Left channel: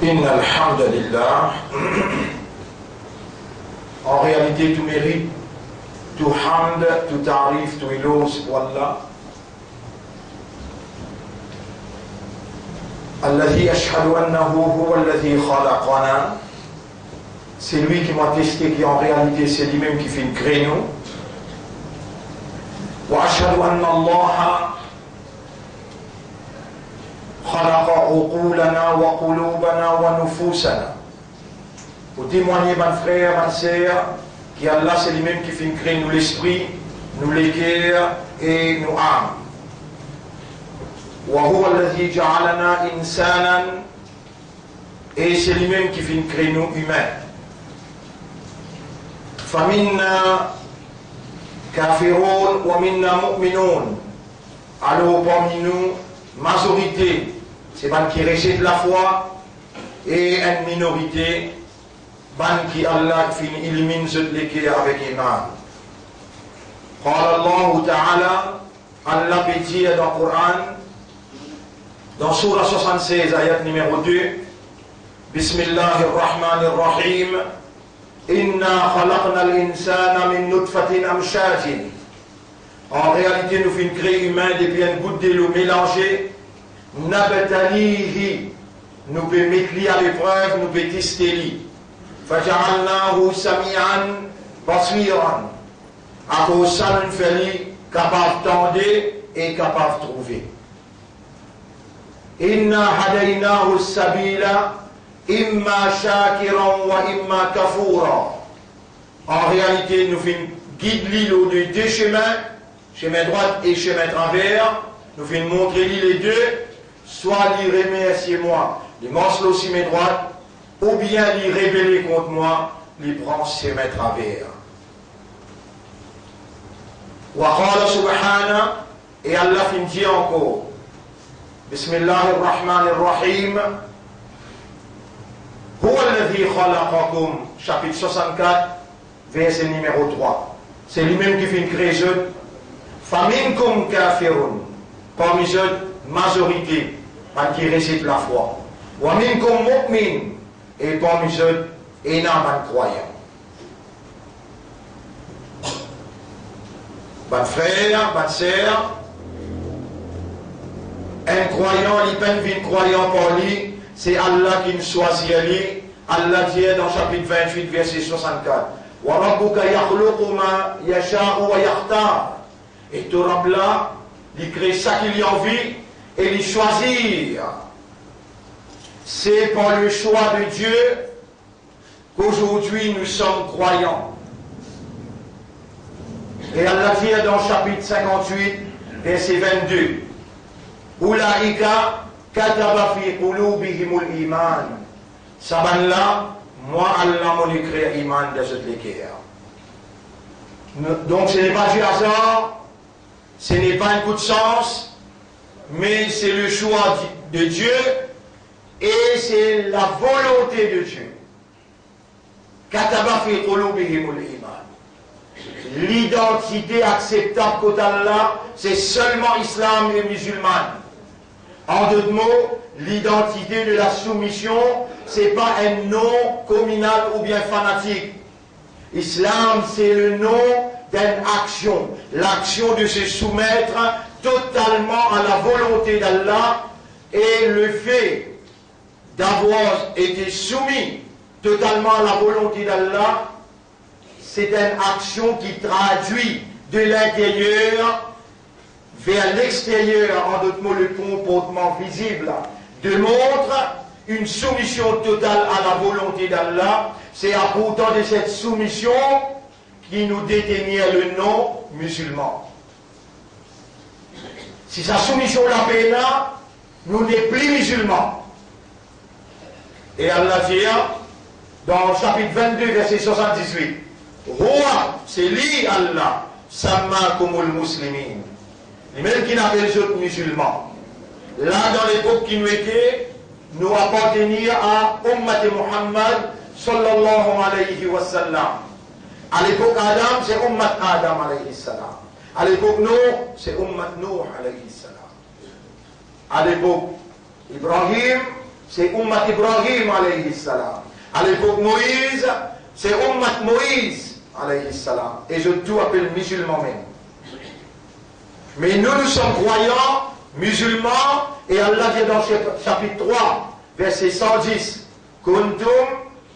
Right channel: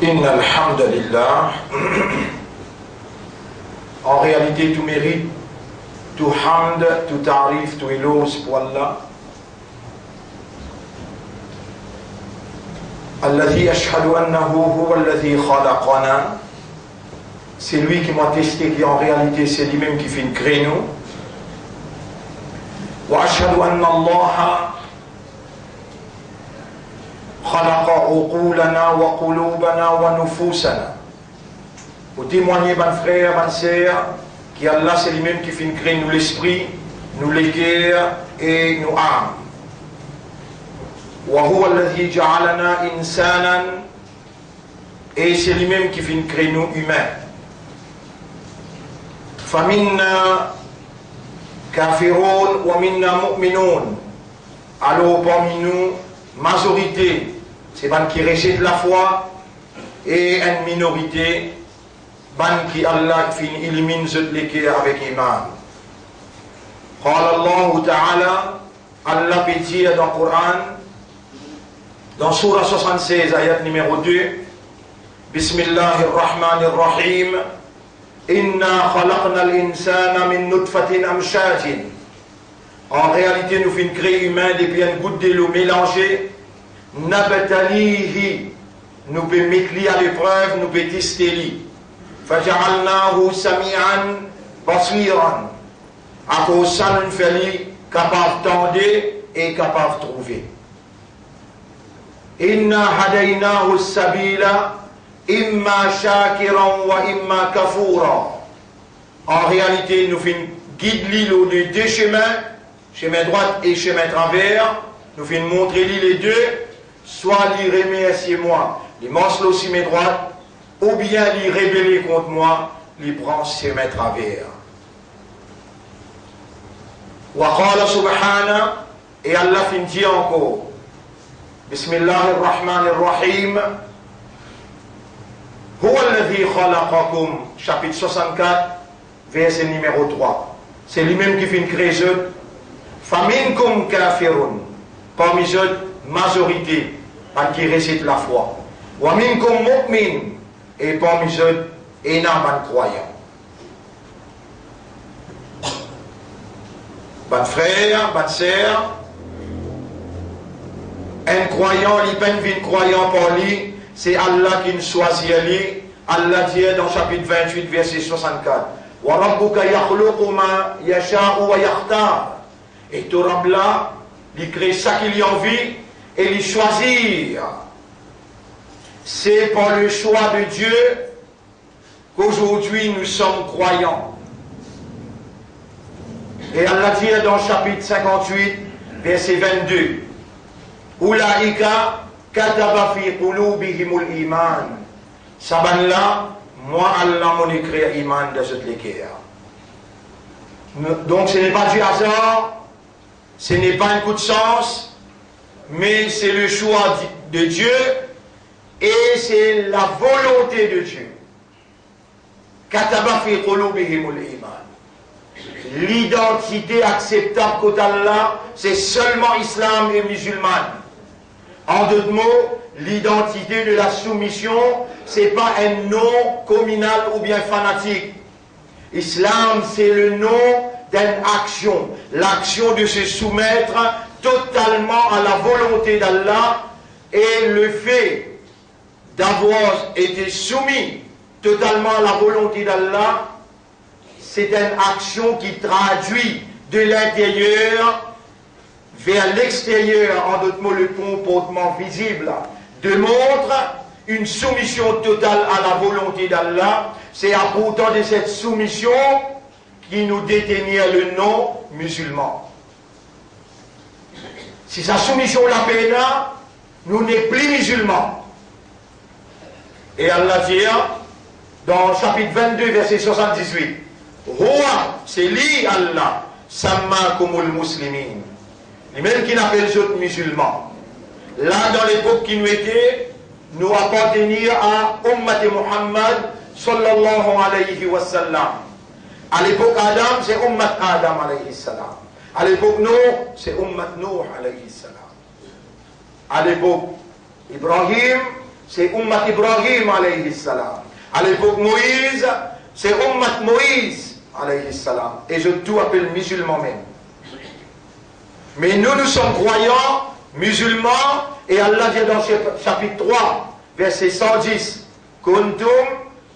Inna alhamdulillah. En réalité, tout mérite, tout hamd, tout tarif, tout éloge pour Allah. Alladhi ashhadu annahu huwa alladhi khalaqana. C'est lui qui m'a testé, qui en réalité c'est lui-même qui fait une créneau. Wa ashhadu anna Allah khalaqa uqulana wa qulubana wa nufusana. Pour témoigner, mon frère, ma sœur, qu'Allah c'est lui-même qui fait une créneau, nous l'esprit, nous les cœurs et nous âmes. Wa huwa alladhi ja'alana insanan, et c'est lui-même qui fait une créneau humain. Faminna kafirun wa minna mu'minun. Alors parmi nous, majorité, c'est ban qui rejette la foi, et une minorité, ban qui Allah élimine ceux qui avec iman. Qala Allah Ta'ala, Allah peut dire dans le Coran, dans Surah 76, ayat numéro 2, Bismillahirrahmanirrahim, Inna khalaqna al-insana min nutfatin amshajin. En réalité, nous faisons créer humain depuis une goutte de l'eau mélangée. Nabtalihi, nous pouvons mettre lui à l'épreuve, nous pouvons tester lui. Faja'alnahu sami'an basiran. À cause de ça, nous faisons capable d'entendre et capable de trouver. Inna hadaynahu sabila imma shakiran wa imma kafura. En réalité, nous faisons guide l'îlot de deux chemins, chemin droit et chemin travers. Nous faisons montrer les deux, soit lui remercier-moi, les morceaux aussi mes droites, ou bien lui révéler contre moi, les branches chemin travers. Wa qala subhana, et Allah finit encore. Bismillahirrahmanirrahim. Huwa alladhi khalaqakum, chapitre 64, verset numéro 3. C'est lui-même qui fait une création. Faminkum kafirun, parmi eux, majorité, qui récite la foi. Wa minkum mu'min, et parmi eux, énorme croyant. Bon frère, bonne sœur, un croyant, il peine vie croyant par lui, c'est Allah qui nous choisit lui. Allah dit dans chapitre 28, verset 64, Wa rabbuka yakhluqu ma yasha'u wa yakhtar. Et ton Rabb là, il crée ça qu'il y a envie et il choisit. C'est par le choix de Dieu qu'aujourd'hui nous sommes croyants. Et Allah dit dans chapitre 58, verset 22, Ulaika kataba fi qulubihimul iman. Saban là, moi Allah m'en écrit iman de cette l'équerre. Donc ce n'est pas du hasard, ce n'est pas un coup de sens, mais c'est le choix de Dieu et c'est la volonté de Dieu. Kataba fi qulubihimul iman. L'identité acceptable qu'au Allah, c'est seulement islam et musulman. En d'autres mots, l'identité de la soumission, ce n'est pas un nom communal ou bien fanatique. Islam, c'est le nom d'une action. L'action de se soumettre totalement à la volonté d'Allah et le fait d'avoir été soumis totalement à la volonté d'Allah, c'est une action qui traduit de l'intérieur vers l'extérieur, en d'autres mots, le comportement visible, démontre une soumission totale à la volonté d'Allah. C'est à pourtant de cette soumission qui nous détenir le nom musulman. Si sa soumission la peine, nous n'est plus musulmans. Et Allah dit dans le chapitre 22, verset 78, Roi, c'est lui Allah, Sammakumul Muslimin. Et même qui n'appelle les autres musulmans. Là, dans l'époque qui nous était, nous appartenir à Ummat Muhammad sallallahu alayhi wa sallam. À l'époque Adam, c'est Ummat Adam alayhi salam. À l'époque Nuh, c'est Ummat Nuh alayhi salam. À l'époque Ibrahim, c'est Ummat Ibrahim alayhi salam. À l'époque Moïse, c'est Ummat Moïse alayhi salam. Et je tout appelle musulman même. Mais nous sommes croyants, musulmans, et Allah dit dans chapitre 3, verset 110, Kuntum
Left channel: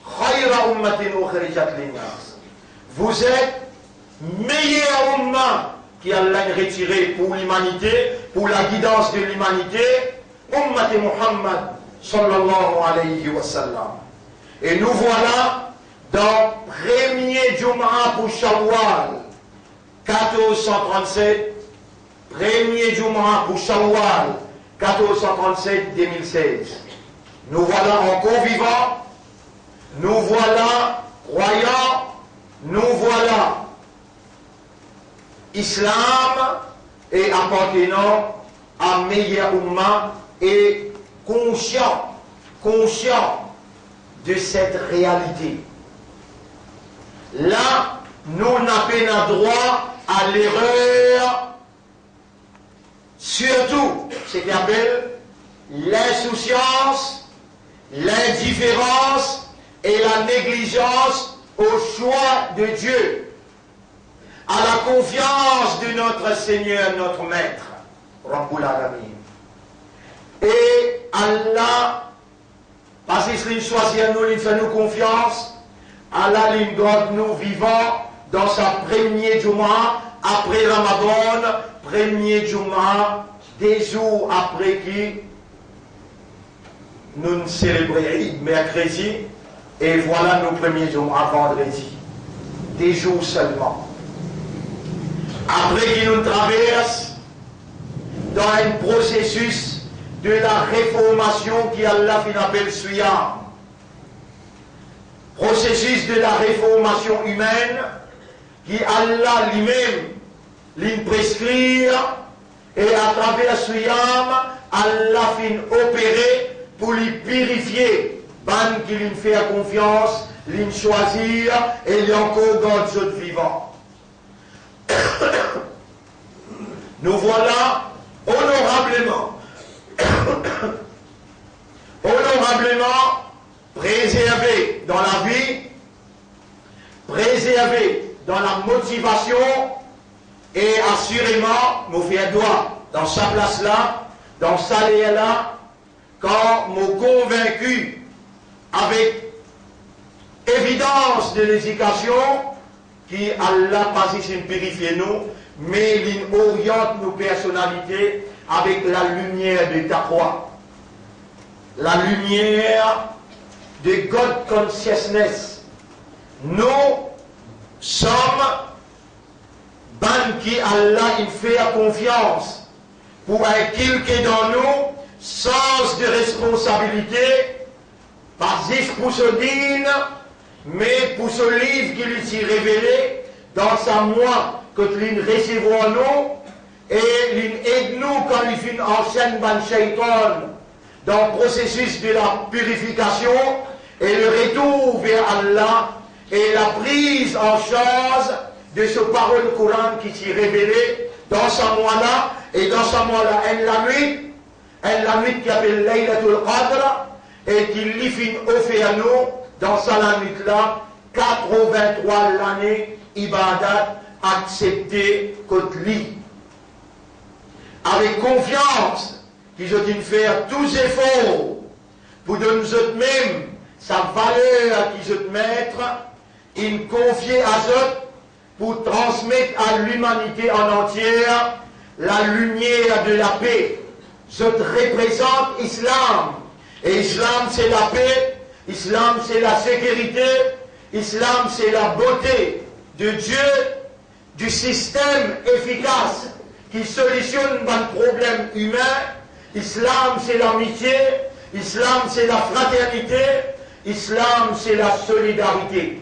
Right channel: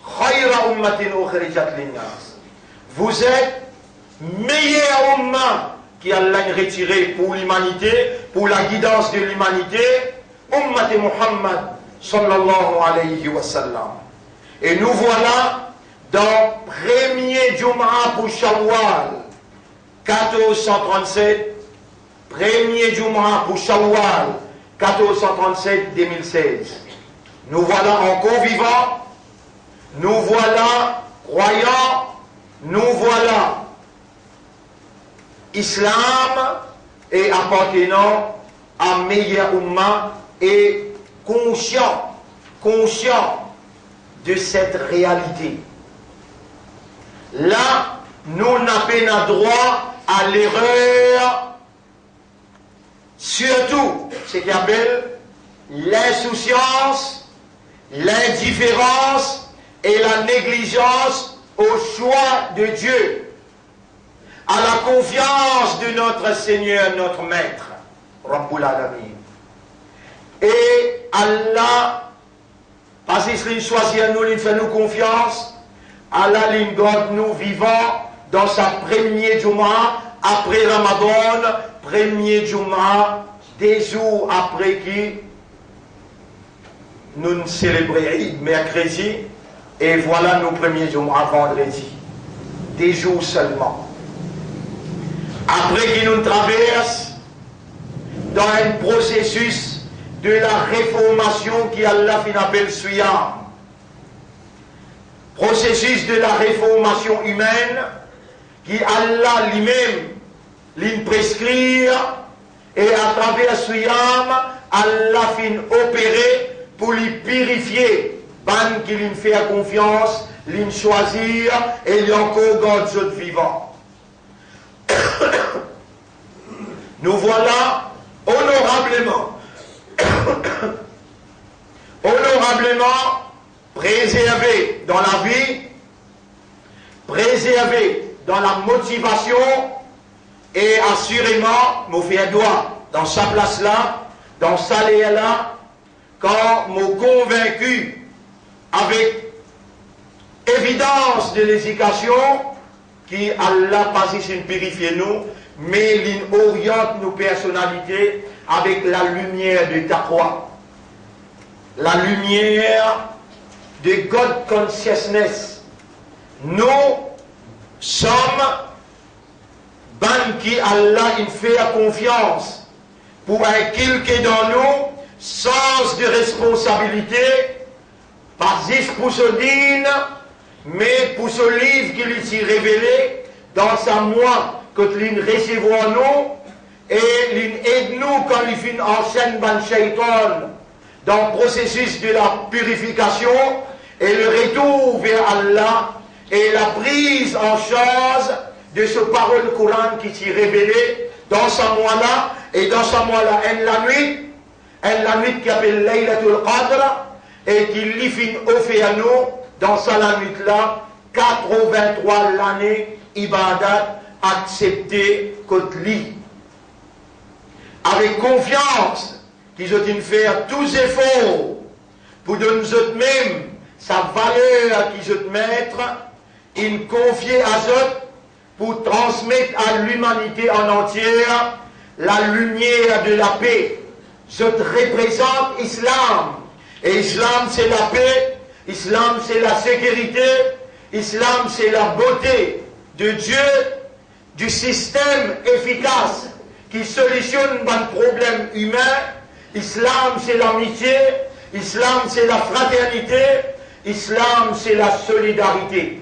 khayra ummatin ukhrijat linnas. Vous êtes meilleur umma qui Allah a retiré pour l'humanité, pour la guidance de l'humanité, ummat Muhammad sallallahu alayhi wa sallam. Et nous voilà dans premier Jum'a pour Shawwal 1437, premier Jum'a pour Shawwal 1437-2016. Nous voilà encore vivants, nous voilà croyants, nous voilà Islam et appartenant à meilleur umma et conscient de cette réalité. Là, nous n'avons droit à l'erreur, surtout ce qu'on appelle l'insouciance, l'indifférence et la négligence au choix de Dieu, à la confiance de notre Seigneur, notre Maître, Rabbul Alamin. Et Allah, parce qu'il choisit nous, il fait nous confiance, Allah il garde nous vivants dans sa première Juma après Ramadan, premier Juma, des jours après qui nous célébrons mercredi, et voilà nos premiers Juma vendredi, des jours seulement. Après qu'il nous traverse dans un processus de la réformation qui Allah appelle Suyam. Processus de la réformation humaine qui Allah lui-même l'y prescrit et à travers Suyam, Allah fin opérer pour lui purifier. Ban qui lui fait confiance, lui choisir et lui encore garde autres vivants. Nous voilà honorablement préservés dans la vie, préservés dans la motivation et assurément, nous faisons droit dans sa place là, dans sa lieu là, quand nous convaincus avec évidence de l'éducation qui Allah pas ici purifier nous, mais il oriente nos personnalités avec la lumière de Taqwa, la lumière de God Consciousness. Nous sommes ban qui Allah il fait confiance pour inculquer dans nous sens de responsabilité, pas juste pour ce dîne, mais pour ce livre qu'il s'est révélé dans sa moi que l'in recevons nous et l'in aide nous quand il fait en chaîne ban shaitan dans le processus de la purification et le retour vers Allah et la prise en charge de ce parole Coran qui s'est révélé dans sa moi là et dans sa moi là la nuit qui appelle Laylatul Qadr et qui lui fin offert à nous dans sa la nuit là 83 l'année ibadat accepté contre lui avec confiance qu'ils ont fait tous efforts pour donner nous même sa valeur qu'ils ont mettre ils confier à eux pour transmettre à l'humanité en entière la lumière de la paix. Je représente Islam. Et Islam c'est la paix, Islam c'est la sécurité, Islam c'est la beauté de Dieu, du système efficace qui solutionne les problèmes humains. Islam c'est l'amitié, Islam c'est la fraternité, Islam c'est la solidarité.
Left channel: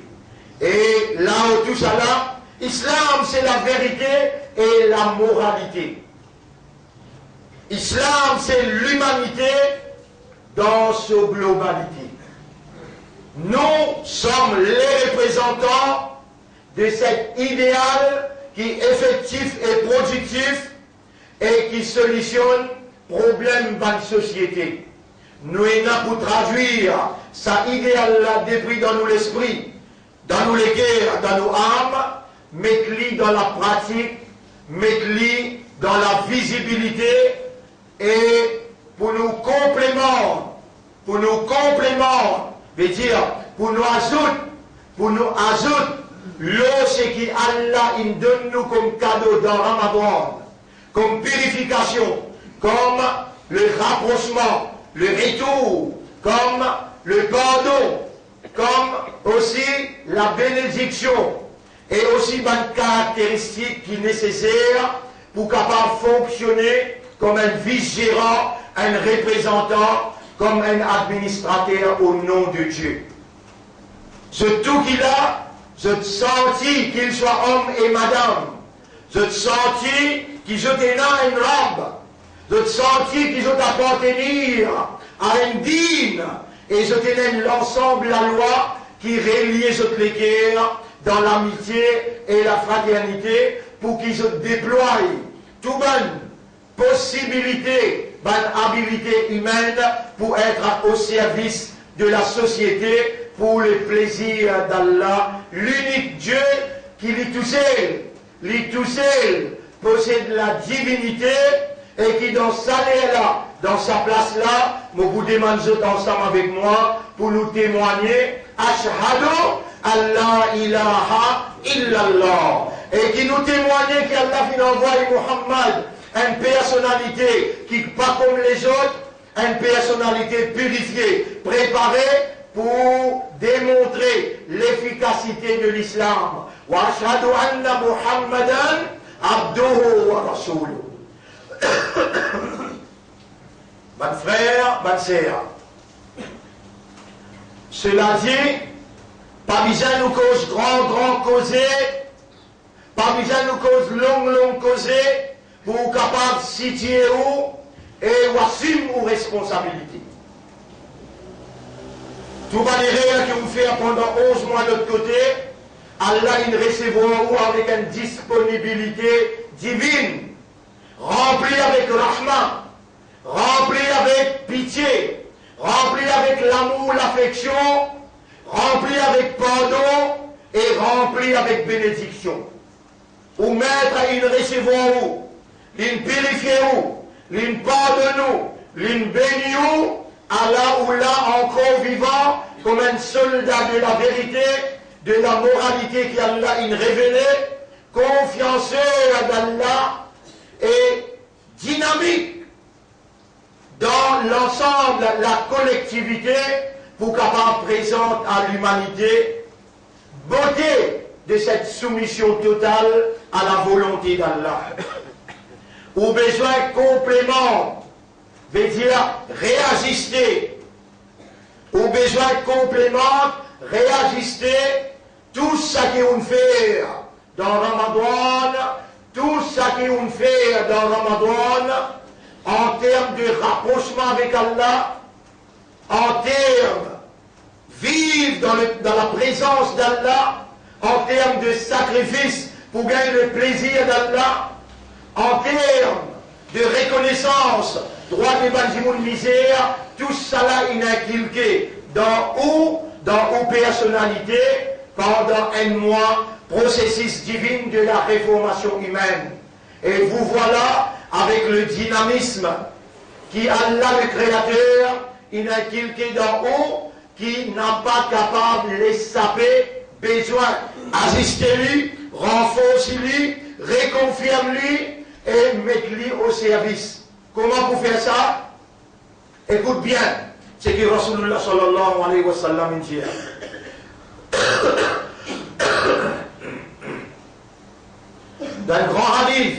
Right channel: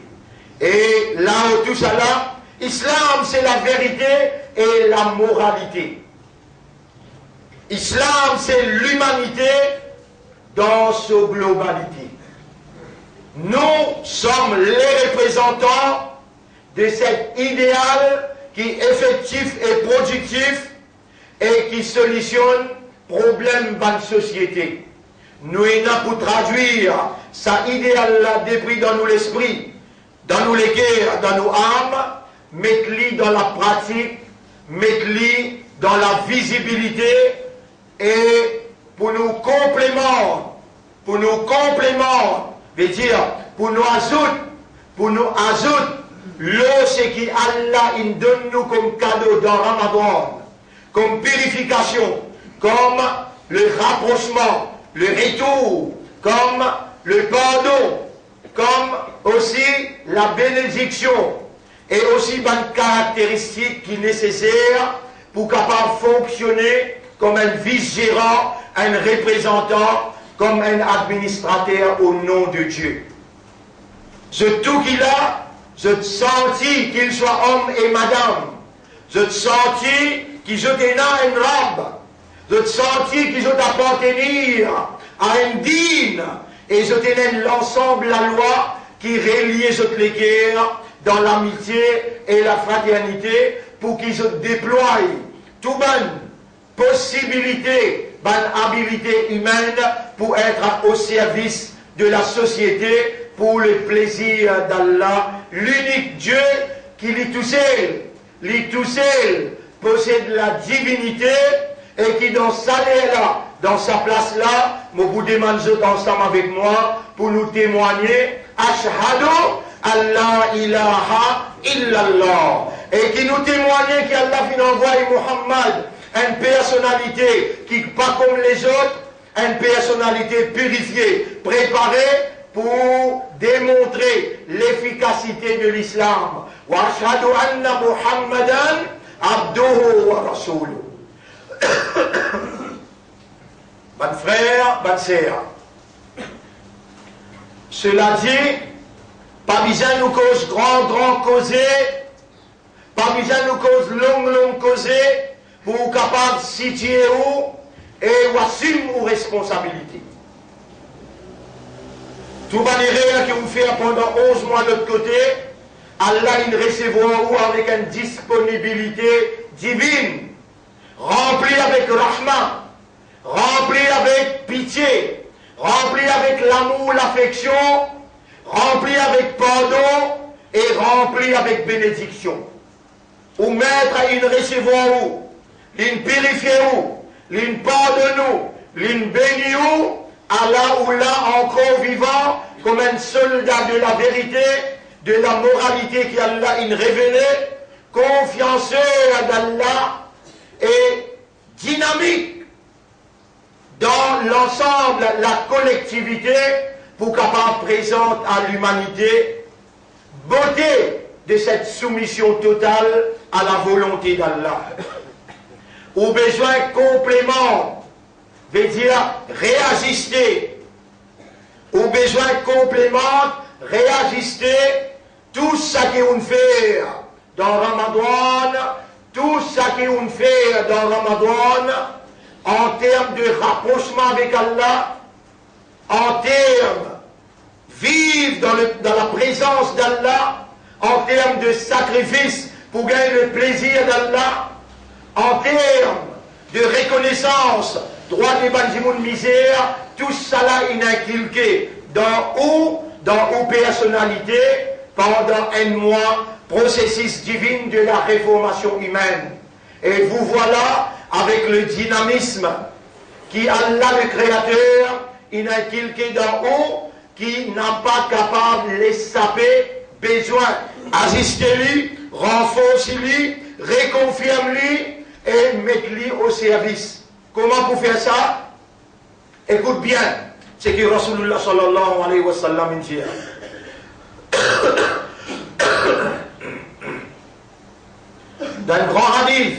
Et là où tout ça là, Islam c'est la vérité et la moralité. Islam c'est l'humanité dans sa globalité. Nous sommes les représentants de cet idéal qui est effectif et productif et qui solutionne problèmes dans la société. nous avons pour traduire ça idéal là depuis dans nous l'esprit, dans nous les cœurs, dans nos âmes, mettre-le dans la pratique, mettre-le dans la visibilité et pour nous complémenter, veut dire pour nous ajouter l'eau ce qui Allah il donne nous comme cadeau dans Ramadan, comme purification, comme le rapprochement, le retour, comme le pardon, comme aussi la bénédiction et aussi une caractéristique qui est nécessaire pour capable fonctionner comme un vice-gérant, un représentant, comme un administrateur au nom de Dieu. Je tout qu'il a, je senti qu'il soit homme et madame. Je senti qu'il était dans une robe. Je senti qu'il appartenir à un digne. Et je tenais l'ensemble de la loi qui reliait les cœurs dans l'amitié et la fraternité pour qu'ils se déploient toute bonne possibilité, bonne habilité humaine pour être au service de la société pour le plaisir d'Allah, l'unique Dieu qui lui tout seul possède la divinité et qui dans sa là, dans sa place là, me vous demande ensemble avec moi pour nous témoigner Ashhadu Allah ilaha illallah et qui nous témoigne qu'Allah vient envoyer Muhammad, une personnalité qui pas comme les autres, une personnalité purifiée, préparée pour démontrer l'efficacité de l'islam. Wa ashhadu anna Muhammadan abduhu wa rasuluhu. Bonne frère, bonne sœur. Cela dit, pas besoin nous cause grand causer, pas besoin nous cause long causer, pour capable de situer où et assumer nos responsabilités. Tout manière que vous faites pendant 11 mois de notre côté, Allah il recevra avec une disponibilité divine, remplie avec rahma, remplie avec pitié, remplie avec l'amour, l'affection, remplie avec pardon et remplie avec bénédiction. Ou mettre une recevoir où, l'une purifier où, l'une pardonne où, l'une bénit où, Allah ou là encore vivant comme un soldat de la vérité, de la moralité qu'Allah il révélait, confianceur d'Allah et dynamique dans l'ensemble, la collectivité pour capable présente à l'humanité, beauté de cette soumission totale à la volonté d'Allah. Ou besoin complément, veut dire réajuster. Ou besoin complément, réajuster tout ce qu'on fait dans Ramadan, tout ce qu'on fait dans Ramadan en termes de rapprochement avec Allah, en termes vivre dans la présence d'Allah, en termes de sacrifice pour gagner le plaisir d'Allah, en termes de reconnaissance, droit des banjimoun misère, tout cela est inculqué dans personnalité pendant un mois, processus divin de la réformation humaine. Et vous voilà avec le dynamisme qui Allah le Créateur, il a inculqué d'en haut, qui n'a pas capable de les saper, besoin ajuster-lui, renforcer-lui, réconfirmer-lui et mettre-lui au service. Comment pour faire ça? Écoute bien ce que Rasulullah sallallahu alayhi wa sallam dit. Dans le grand hadith,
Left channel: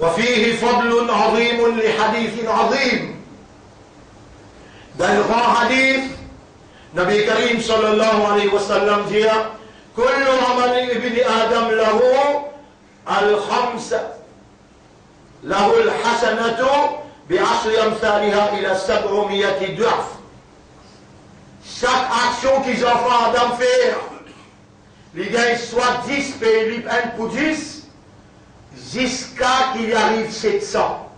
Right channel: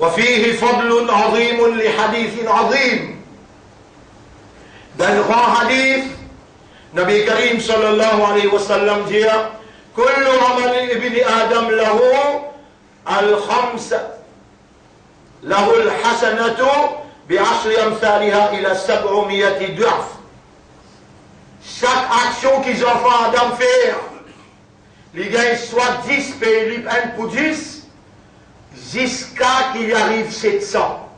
وفيه فضل عظيم لحديث عظيم. Dans le grand hadith, Nabi Karim sallallahu alayhi wa sallam dit كل عمل ابن آدم له الخمس له الحسنة بعشر أمثالها إلى 700 ضعف. Chaque action qu'ils enfants Adam faire, les gars soit 10 pays, 1 pour 10, jusqu'à qu'il arrive 700.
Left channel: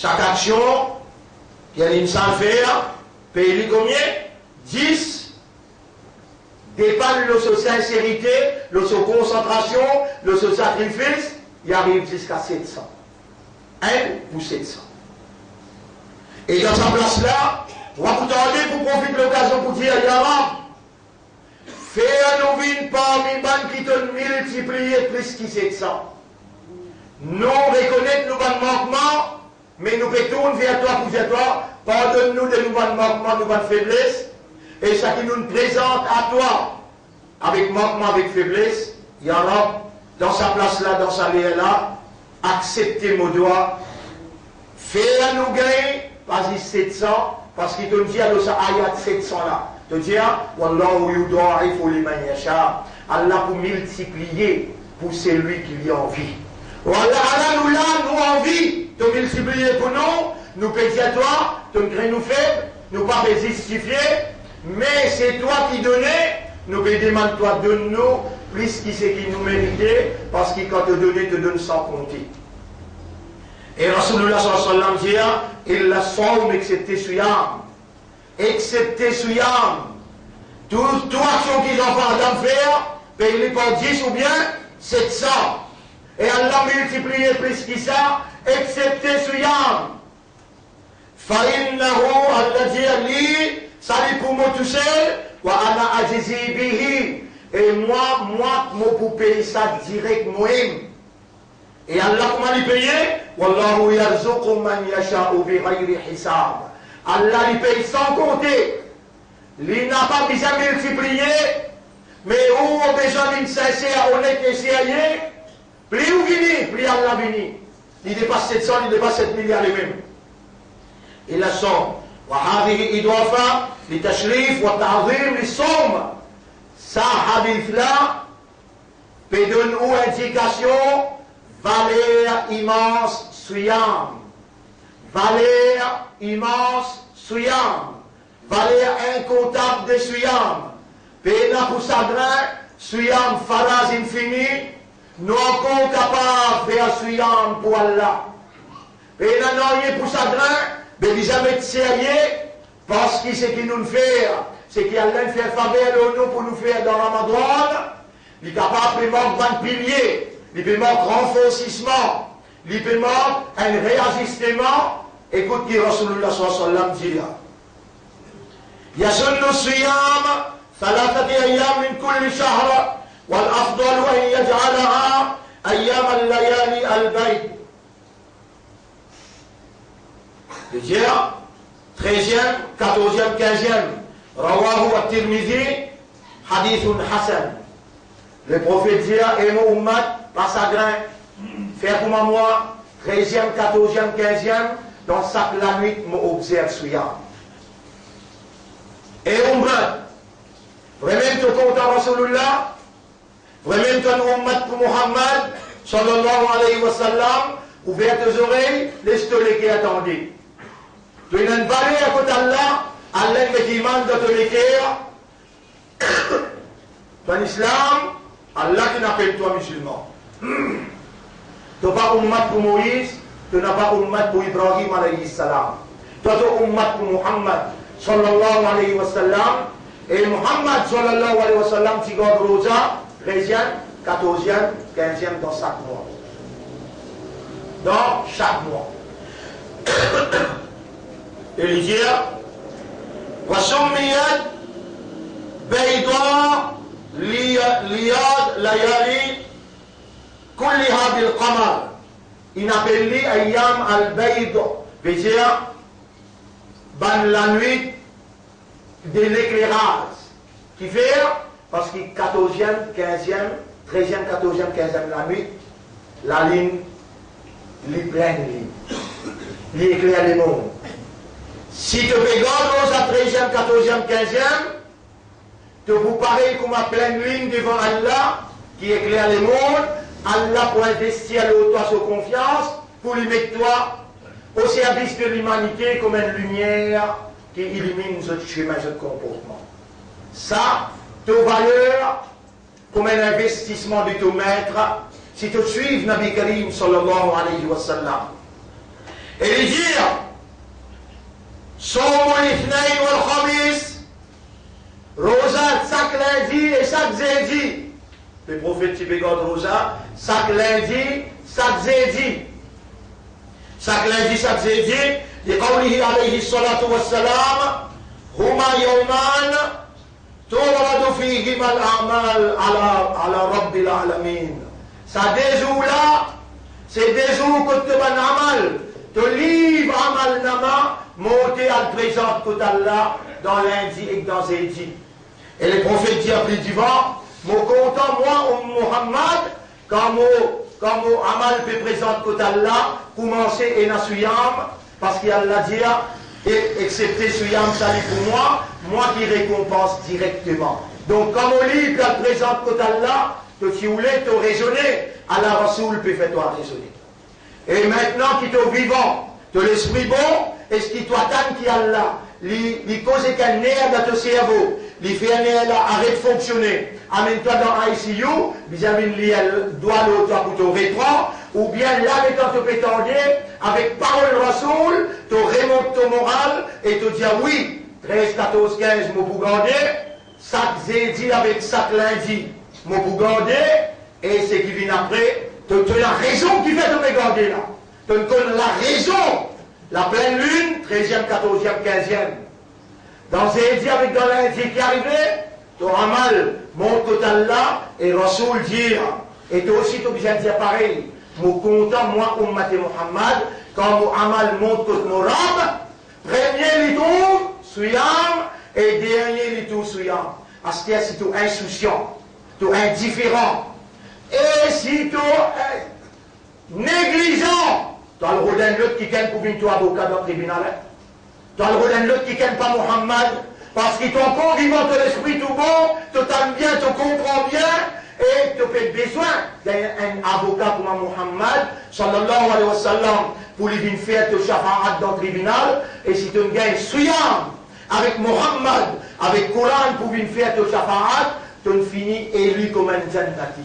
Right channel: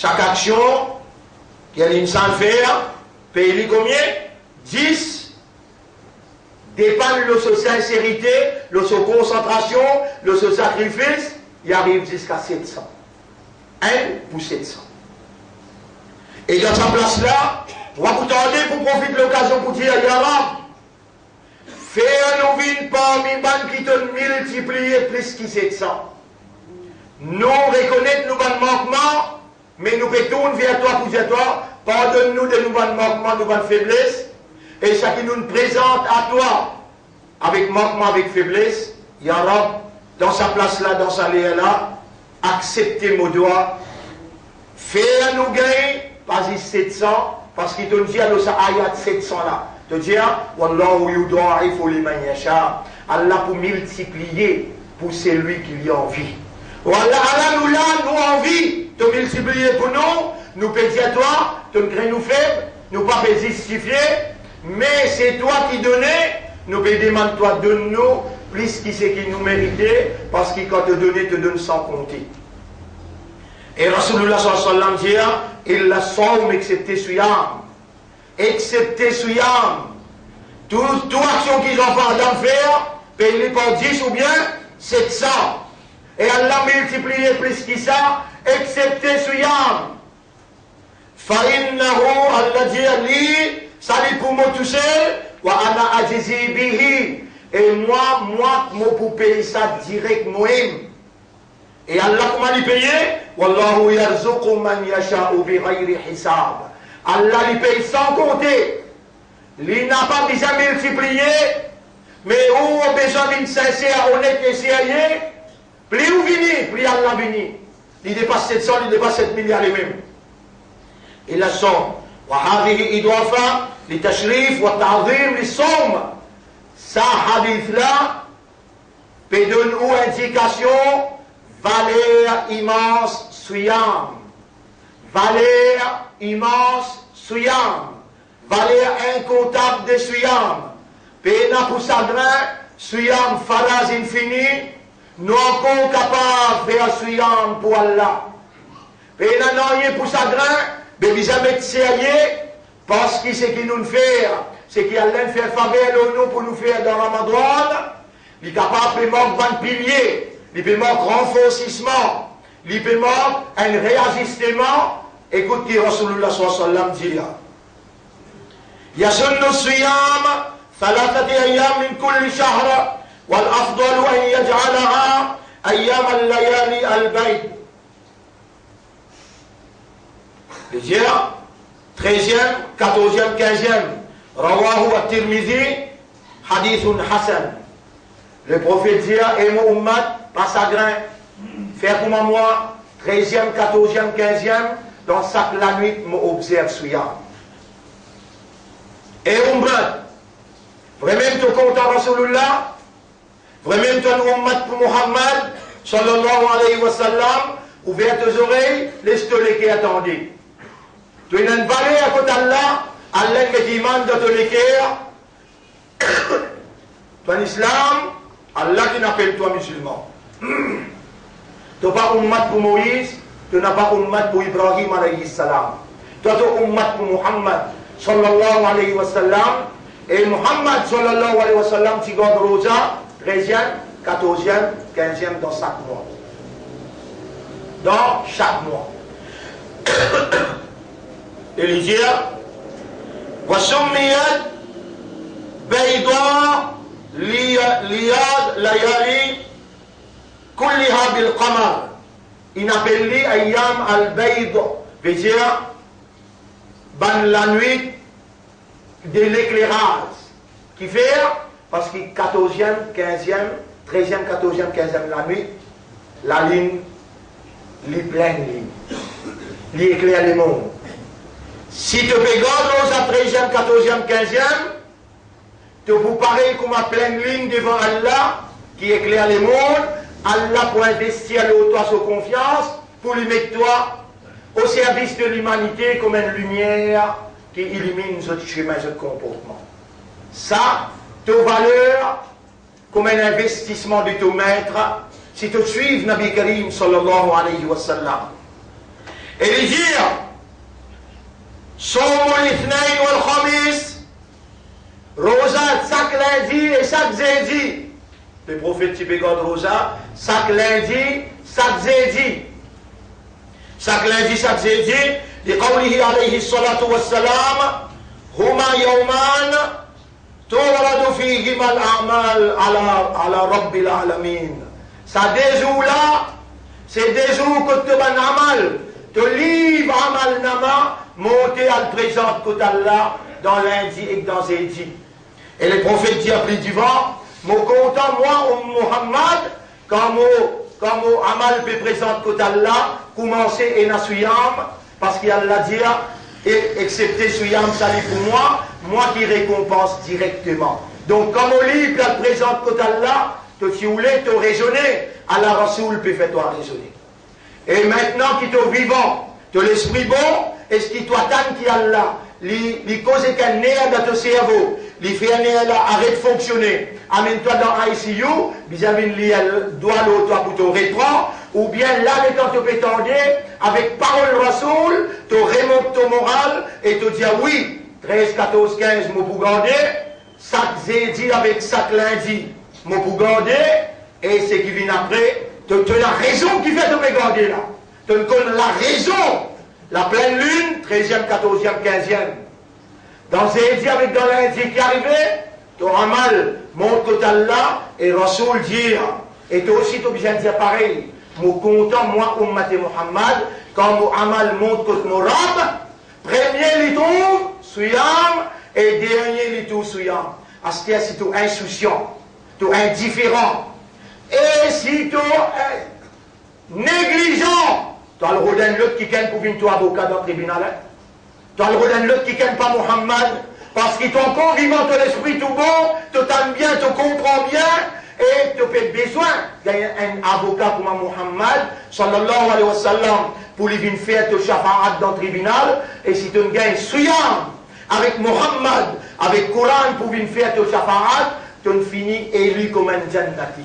chaque action qu'il y a l'insan faire, paye combien? 10. Dépend de sa sincérité, de sa concentration, de son sacrifice, il arrive jusqu'à 700. 1 pour 700. Et dans sa place-là, on va vous tenter pour profiter de l'occasion pour dire, Yara, faire nous vivre parmi les bandes qui te multiplier plus que 700. Nous reconnaître nos bandes manquements, mais nous pouvons vers toi pour dire toi, pardonne-nous de nos bandes manquements, nos bandes faiblesses, et ce qui nous présente à toi, avec manquement, avec faiblesse, Yara, dans sa place-là, dans sa lieu-là, acceptez mon doigt, faire nous gagner, pas 700, parce qu'il te dit à sa ayat 700 là. Te dit, Wallahu yudha'ifu liman yasha. Allah pour multiplier pour celui qui lui a envie. Voilà, Allah nous l'a, nous envie de multiplier pour nous, nous pédir à toi, te nous faibles, nous pas justifier, mais c'est toi qui donnais, nous demandons toi donne-nous plus qui c'est qui nous méritait, parce que quand te donner, te donne sans compter. Et Rasulullah sallallahu alayhi wa sallam dit, il la somme excepté Suyam. Excepté Suyam. Toute action qu'ils ont fait d'en faire, paye par 10 ou bien 700. Et Allah multiplié plus que ça, excepté Suyam. Fa'innahu, Allah dit à lui, salut pour moi tout seul, wa ana ajizi bihi. Et moi, pour payer ça direct, moi-même. Et Allah, comment il paye? Wallahu yarzuqu man yasha'u bi ghayri hisab. Allah il paye sans compter. Il n'a pas besoin de multiplier, mais où a besoin d'une sincère, honnête et sérieux, plus où vini, plus Allah vini. Il dépasse 700, il dépasse 7 milliards et même. Et la somme. وهذه إضافة لتشريف والتعظيم للصوم. Ça, hadith là, peut donner une indication, valeur immense, suyam. Valeur immense, suyam. Valeur incontable de suyam. Pena pour chagrin, suyam, phalas infini, nous encore capables de faire suyam pour Allah. Pena non pour chagrin, mais il jamais être sérieux, parce que ce qui nous fait, c'est qu'il allait faire faveur nous pour nous faire dans Ramadan, il est capable de manquer 20 piliers, il peut manquer renforcissement, il peut manquer un réajustement. Écoute ce que Rasulullah sallallahu alayhi wa sallam dit. يسن الصيام 3 أيام من كل شهر والأفضل أن يجعلها أيام الليالي البيت. Le dire 13e, 14e, 15e. Rawahu at-Tirmidhi, hadithun hasan. Le prophète dit, et mon ummat, pas chagrin, faire comme moi, 13e, 14e, 15e, dans chaque la nuit, m'observe Suyam. Et ummat, vraiment tu content Rasulullah, vraiment tu ummat pour Muhammad, sallallahu alayhi wa sallam, ouvert tes oreilles, laisse-toi les qui attendent. Tu as une valeur à côté d'Allah, Allah me demande de te l'écrire. Tu as un islam, Allah qui n'appelle toi musulman. Tu n'as pas ummat pour Moïse, tu n'as pas ummat pour Ibrahim alayhi salam. Tu as ummat pour Muhammad sallallahu alayhi wa sallam. Et Muhammad sallallahu alayhi wa sallam, tu gardes Rosa, 13e, 14e, 15e dans chaque mois. Dans chaque mois. Et il dit, وسميت بيضاء لياد ليالي كلها بالقمر. Il appelle les ayam al-bayd, veut dire ban la nuit de l'éclairage. Qui fait parce que 14e, 15e, 13e, 14e, 15e la nuit, la ligne, les pleines lignes, les éclaire les mondes. Si tu regardes à 13e, 14e, 15e, tu vous pareil comme à pleine ligne devant Allah qui éclaire les mondes, Allah pour investir toi sa confiance, pour lui mettre toi au service de l'humanité comme une lumière qui illumine ce chemin, ce comportement. Ça, ta valeur comme un investissement de ton maître, si tu suives Nabi Karim sallallahu alayhi wa sallam. Et il dit, Somo l'Ithnaïn wal Khamis, Rosa chaque lundi et chaque jeudi. Le prophète Tibégode Rosa, chaque lundi, chaque jeudi. Chaque lundi, chaque jeudi, لقوله عليه الصلاة والسلام هما يومان تورد فيهما الأعمال على رب العالمين. Ça des jours là, c'est des jours que tu vas amal, te livre amal nama, monter à le présent que Allah dans lundi et dans jeudi. Et le prophète dit après du vent, mon content moi, Muhammad, quand mon amal peut présenter que Allah, commencer et na suyam, parce qu'il y a la dia, et excepté suyam salut pour moi qui récompense directement. Donc, comme on lit, puis elle présente que Allah, que tu voulais te raisonner, Allah Rasoul peut faire toi raisonner. Et maintenant, qui te vivant, de l'esprit bon, est ce qui t'attend qui Allah, les causes qu'un nerf dans ton cerveau, les fait un nerf là, arrête de fonctionner, amène-toi dans ICU, vis-à-vis de doigt l'autre pour ton rétro, ou bien là, quand tu peux t'enlever, avec parole Rasoul, tu remontes ton moral et tu dis oui, 13, 14, 15, mon pour garder, chaque jeudi avec chaque lundi, mon pour garder, et ce qui vient après, tu as la raison qui fait de me garder là. Tu connais la raison. La pleine lune, 13e, 14e, 15e. Dans jeudi avec dans lundi qui arrivait, tu auras mal, monte que Allah et Rasoul dire. Et toi aussi, tu es obligé de dire pareil. Mon content, moi, Ummat Muhammad, quand mon amal monte que mon rab, premier les tombe, souyam, et dernier les tout souyam. C'est-à-dire si tu es insouciant, tu es indifférent, et si tu es négligent, tu as le rôle d'un l'autre qui gagne pour venir toi avocat dans le tribunal. Tu as le rôle d'un l'autre qui gagne pas Muhammad, parce qu'il t'ont encore vivant ton esprit tout bon, tu t'aimes bien, tu comprends bien, et tu as besoin d'un avocat comme Muhammad, sallallahu alayhi wa sallam, pour lui venir faire ton shafa'at dans le tribunal, et si tu gagnes souyam, avec Muhammad, avec Coran pour venir faire ton shafa'at, tu finis élu comme un jannati.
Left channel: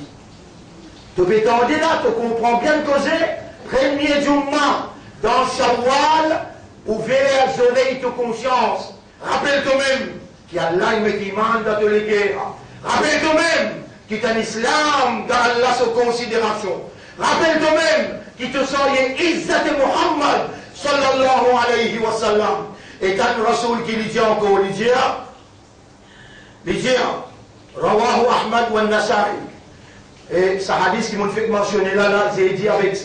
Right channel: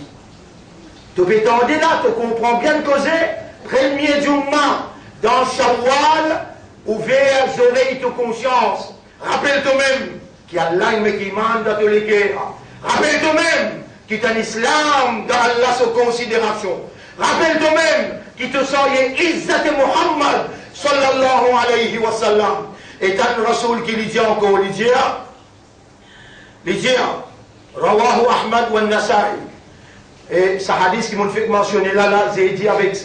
Tu peux t'entendre là, tu comprends bien causer, premier Jumma, dans Shawwal, ouvert les oreilles de conscience. Rappelle-toi-même qu'il y a l'âme qui mande dans les guerres. Rappelle-toi-même qu'il y a un islam dans Allah sous considération. Rappelle-toi-même qu'il te soyez Izzat Muhammad, sallallahu alayhi wa sallam. Et t'as un Rasoul qui lui dit encore, lui dit, Rawahu Ahmad wa Nasai. Et ce hadith qui m'a fait mentionner là, j'ai dit avec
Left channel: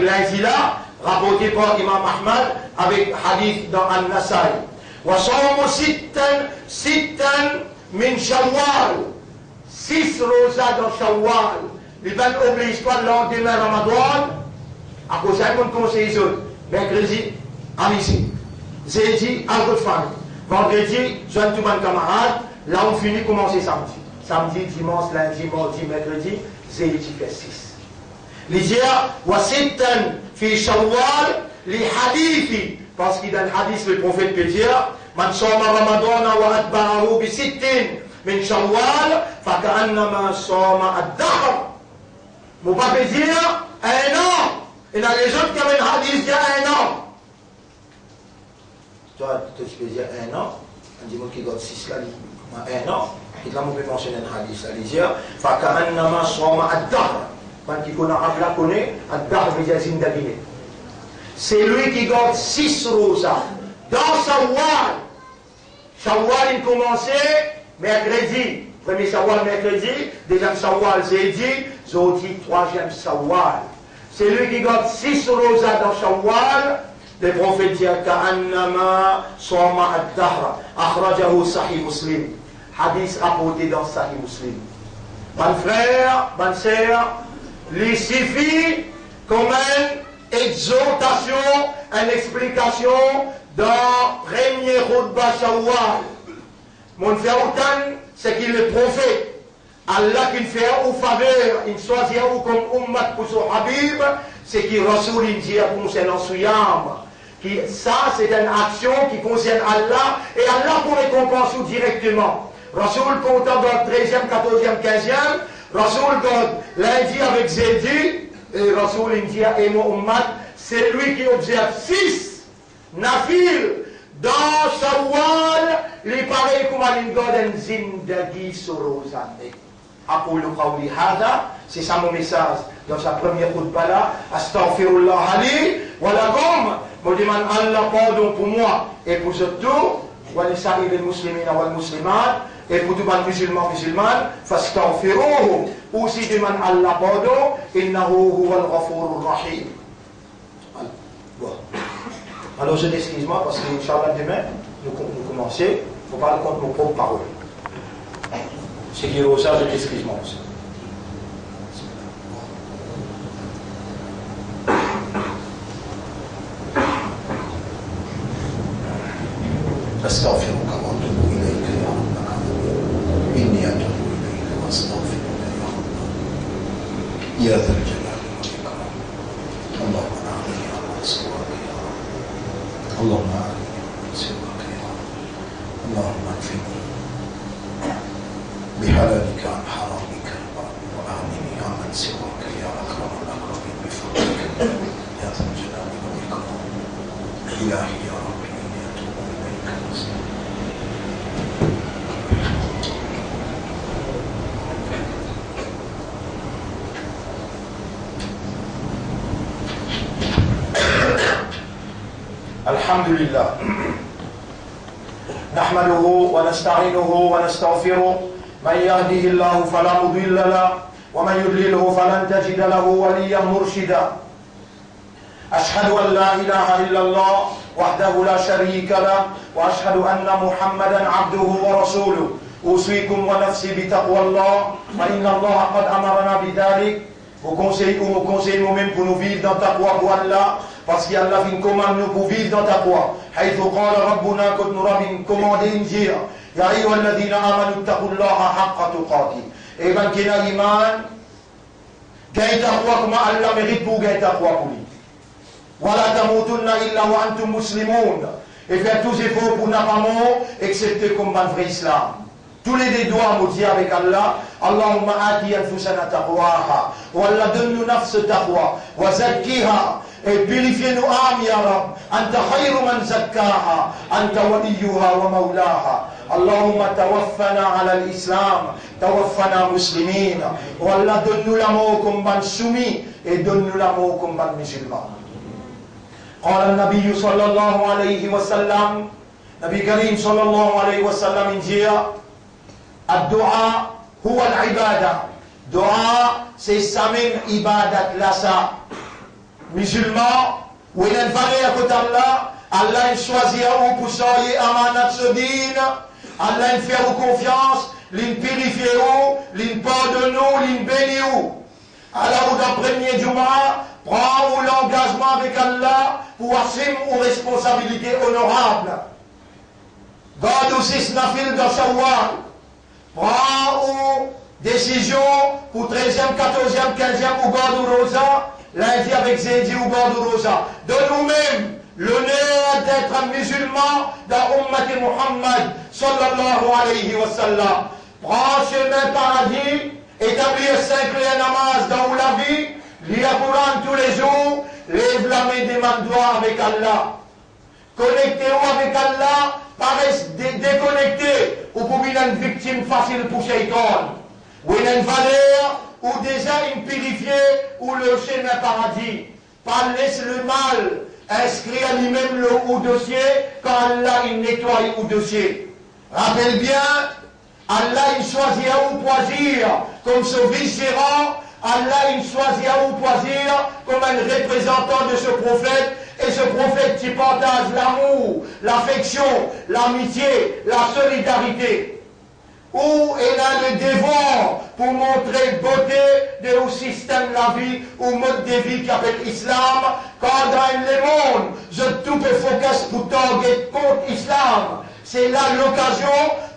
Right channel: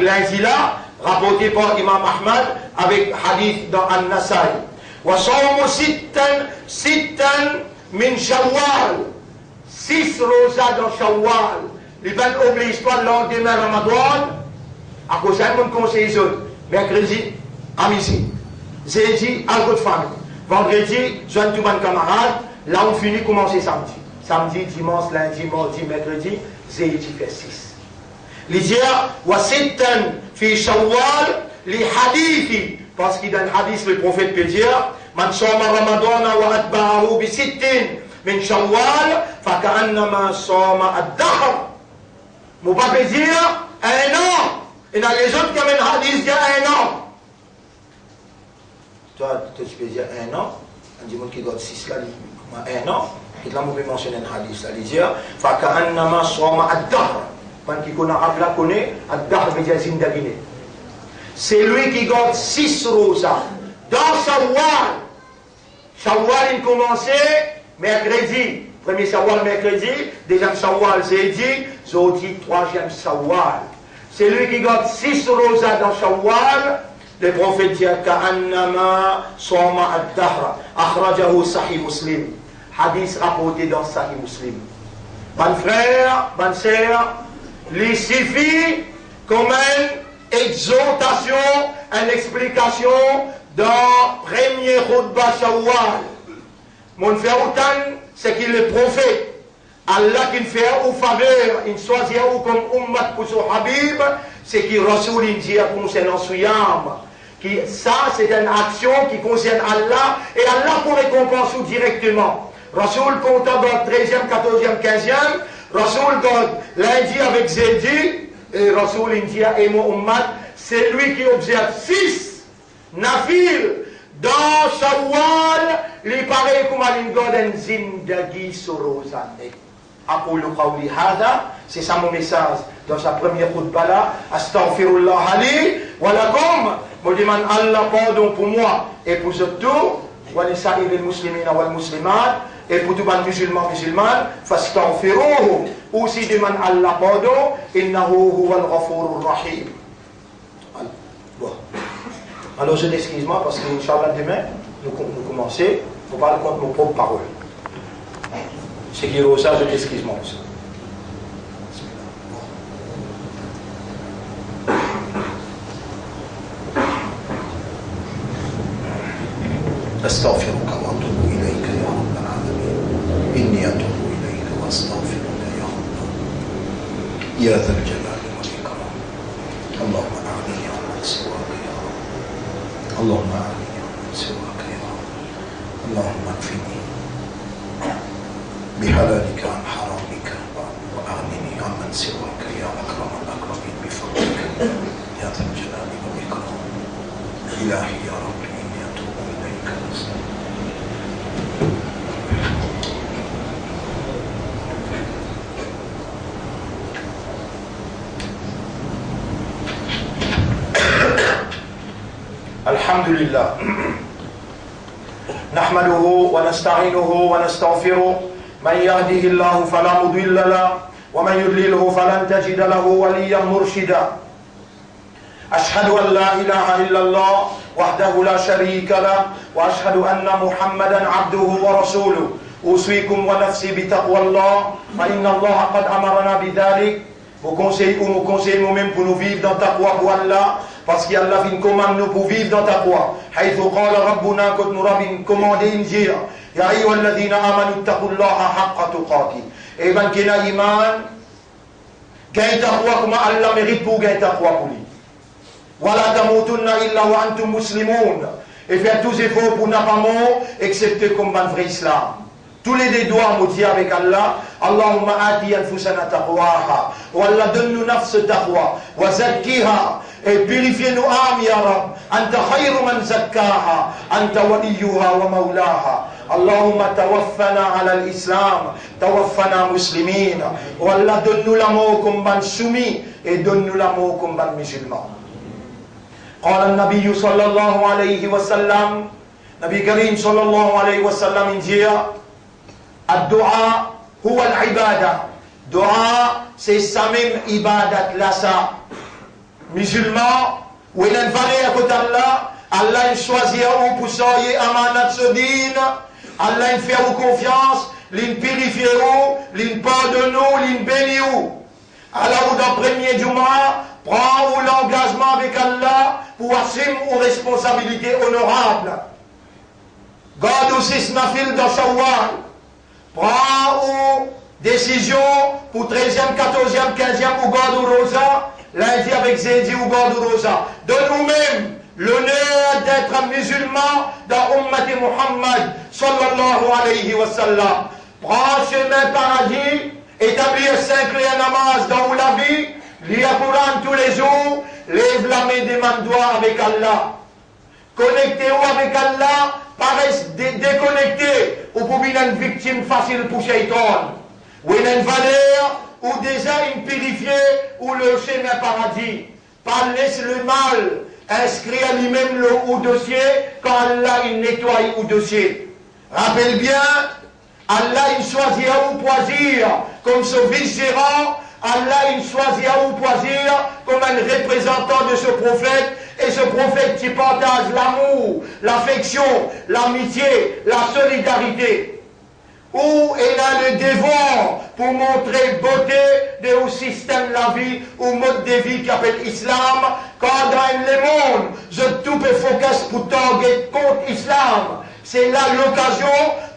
lundi là, rapporté par Imam Ahmad, avec hadith dans An-Nasai. Wa sawmu sittan min Shawwal. 6 rosas dans Shawwal. Les 20 oblige pas le lendemain Ramadan. À cause de mon conseil, mercredi, à midi. Jeudi, à votre famille. Vendredi, jeune tout mon camarade. Là, on finit commencer samedi. Samedi, dimanche, lundi, mardi, mercredi, jeudi fait 6. L'idéal, wa sittan fi Shawwal, li hadithi, parce qu'il y a un hadith, le prophète peut dire, man soma Ramadan wa atba'ahu bi sittin min Shawwal, fa ka'annama soma ad-dahr. Mon papa peut dire, 1 an. Et dans les autres, comme un hadith, il y a 1 an. Toi, tu peux dire 1 an, on dit, qui doit 6 là, 1 an. Et là, on peut mentionner un hadith, ça veut dire, فَكَأَنَّمَا صَوْمَ الدَّهْرَ. Quand qui connaît Arab, connaît, الدَّهْر veut dire zindagine. C'est lui qui garde 6 rosas. Dans Shawwal, Shawwal, il commençait mercredi. Premier Shawwal, mercredi. Deuxième Shawwal, jeudi. Jeudi, 3e Shawwal. C'est lui qui garde 6 rosas dans Shawwal. Le prophète dit, كَأَنَّمَا صَوْمَ الدَّهْرَ. أخرجه صحيح مسلم. Hadith rapporté dans Sahih Muslim. Bonne frère, bonne sœur, il suffit comme une exhortation, une explication dans premier Khutbah Shawwal. Mon frère Outan, c'est qu'il est prophète. Allah qui fait une faveur, il choisit comme ummat pour son Habib, c'est qu'il Rasoul il dit concernant Souyam. Ça, c'est une action qui concerne Allah et Allah pour récompenser directement. Rasoul compte dans 13e, 14e, 15e. Rasoul dans lundi avec jeudi. et Rasoul India et Muhammad, c'est lui qui observe 6 nafil dans Shawwal, les pareils comme à l'Ingoden Zindagi Sorozane. Aqulu qawli hada, c'est ça mon message dans sa première khutbah là. Astaghfirullah ali wa lakum. Je demande Allah pardon pour moi et pour surtout, wa li sa'iril muslimina wal muslimat, et pour tous les musulmans musulmanes, fastaghfiruhu. Aussi demande Allah pardon, innahu huwal ghafurur rahim. Alors je m'excuse-moi parce que Inch'Allah demain, nous commençons, on parle contre nos propres paroles. C'est qui est ça, je m'excuse-moi aussi. أستغفرك وأتوب إليك يا رب العالمين إني أتوب إليك وأستغفرك يا رب يا ذا الجلال والإكرام اللهم أعني على سواك يا رب اللهم أعني على سواك يا رب اللهم اكفني بحلالك عن حرامك وأعني عمن سواك يا أكرم الأكرمين بفضلك يا ذا الجلال والإكرام إلهي يا رب الحمد لله نحمده ونستعينه ونستغفره من يهده الله فلا مضل له ومن يضلله فلن تجد له وليا مرشدا أشهد أن لا إله إلا الله وحده لا شريك له وأشهد أن محمدا عبده ورسوله أوصيكم ونفسي بتقوى الله فإن الله قد أمرنا بذلك. Vous conseillez ou nous conseillez nous-mêmes pour nous vivre dans ta foi pour Allah, parce qu'Allah vient commande nous pour vivre dans ta foi. حيث قال ربنا قد نرى commandé injir يا أيها الذين آمنوا اتقوا الله حق تقاته. Et ben qui n'a iman, gagne ta foi comme Allah mérite pour gagner ta foi pour lui. ولا تموتن إلا وأنتم مسلمون. Et faire tous les efforts pour n'a pas mort, excepté comme un vrai islam. Tous les doigts me disent avec Allah, Allahumma ati anfusana taqwaha, wa Allah donne-nous nafs taqwa, wa zakkiha, et purifiez-nous âme ya Rab, anta khayru man zakkaha, anta waliyuha wa maulaha. Allahumma tawaffana ala l'islam, tawaffana muslimin, wa Allah donne-nous l'amour comme ban soumis, et donne-nous l'amour comme ban musulman. قال النبي صلى الله عليه وسلم, نبي كريم صلى الله عليه وسلم انجيا الدعاء هو العبادة. Dua, c'est ça même ibadat là ça. Musulman, où il y a une valeur à côté d'Allah, Allah il choisit ou pour soyer amanat sodine, Allah il fait ou confiance, il purifie ou, il pardonne ou, il bénit ou. Alors dans le premier Juma, prends l'engagement avec Allah pour assumer une responsabilité honorable. Garde aussi ce nafil dans Shawwal. Prends une décision pour 13e, 14e, 15e ou garde ou rosa, lundi avec Zedi ou garde ou rosa. De nous-mêmes, l'honneur d'être musulman dans Ummati Muhammad sallallahu alayhi wa sallam. Prends chemin paradis, établir 5 clés namaz dans la vie, lire Coran tous les jours, lève la main des mandois avec Allah. Connectez-vous avec Allah, paraissent déconnectés, ou pour une victime facile pour Shaitan. Ou une valeur, ou déjà une purifiée, ou le chemin paradis. Pas laisse le mal inscrire lui-même le ou dossier, quand Allah il nettoie ou dossier. Rappelle bien, Allah il choisit à ou choisir comme ce vice-gérant, Allah il choisit à ou choisir comme un représentant de ce prophète, et ce prophète qui partage l'amour, l'affection, l'amitié, la solidarité. Où il a le devoir pour montrer beauté de système de la vie ou mode de vie qui appelle l'islam. Quand dans le monde, je tout peut focus pour target contre l'islam. C'est là l'occasion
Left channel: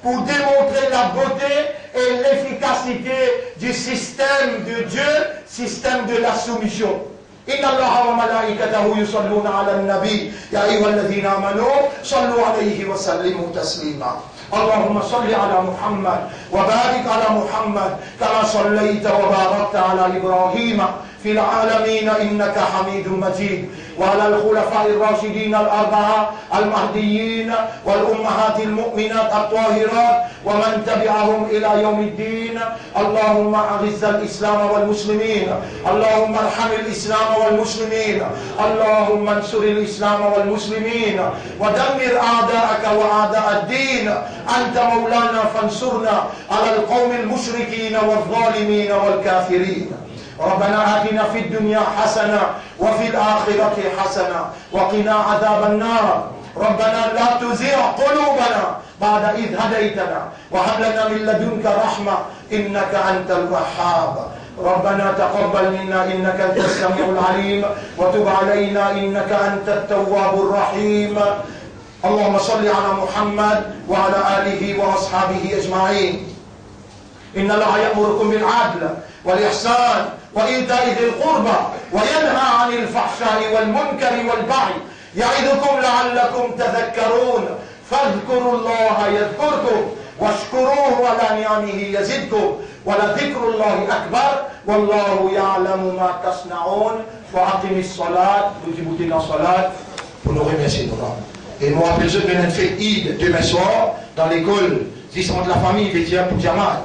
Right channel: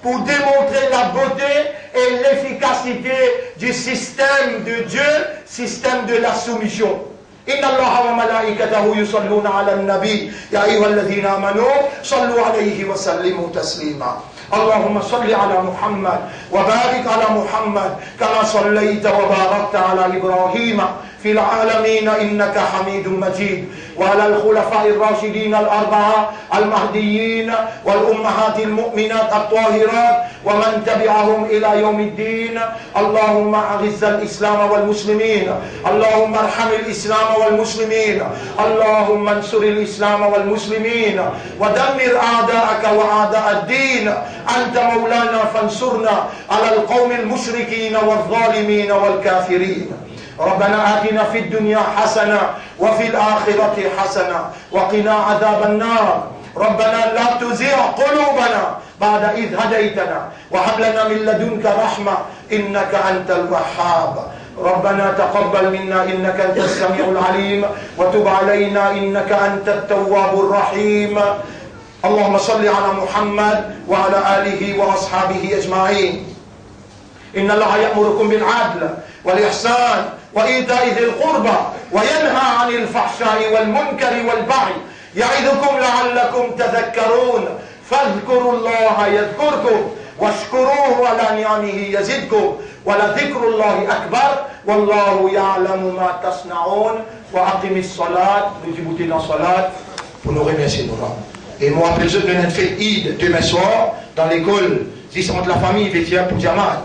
pour démontrer la beauté et l'efficacité du système de Dieu, système de la soumission. إن الله وملائكته يصلون على النبي يا أيها الذين آمنوا صلوا عليه وسلموا تسليما. اللهم صل على محمد وبارك على محمد كما صليت وباركت على إبراهيم في العالمين إنك حميد مجيد. وعلى الخلفاء الراشدين الأربعة المهديين والأمهات المؤمنات الطاهرات ومن تبعهم إلى يوم الدين. اللهم أعز الإسلام والمسلمين، اللهم ارحم الإسلام والمسلمين، اللهم انصر الإسلام والمسلمين ودمر أعداءك وأعداء الدين. أنت مولانا فانصرنا على القوم المشركين والظالمين والكافرين. ربنا آتنا في الدنيا حسنة وفي الآخرة حسنة وقنا عذاب النار. ربنا لا تزغ قلوبنا بعد إذ هديتنا وهب لنا من لدنك رحمة إنك أنت الوهاب. ربنا تقبل منا إنك أنت السميع العليم وتب علينا إنك أنت التواب الرحيم. اللهم صل على محمد وعلى آله وأصحابه أجمعين. إن الله يأمركم بالعدل والإحسان وإيتاء ذي القربى وينهى عن الفحشاء والمنكر والبغي يعظكم لعلكم تذكرون. فاذكروا الله يذكركم واشكروه على نعمه يزدكم ولذكر الله أكبر والله يعلم ما تصنعون. وأقم الصلاة. Nous débutons la salat pour nous remercier de nous. Et moi, après je viens de faire Eid demain soir dans l'école 10 de la famille Vétia pour Jamal.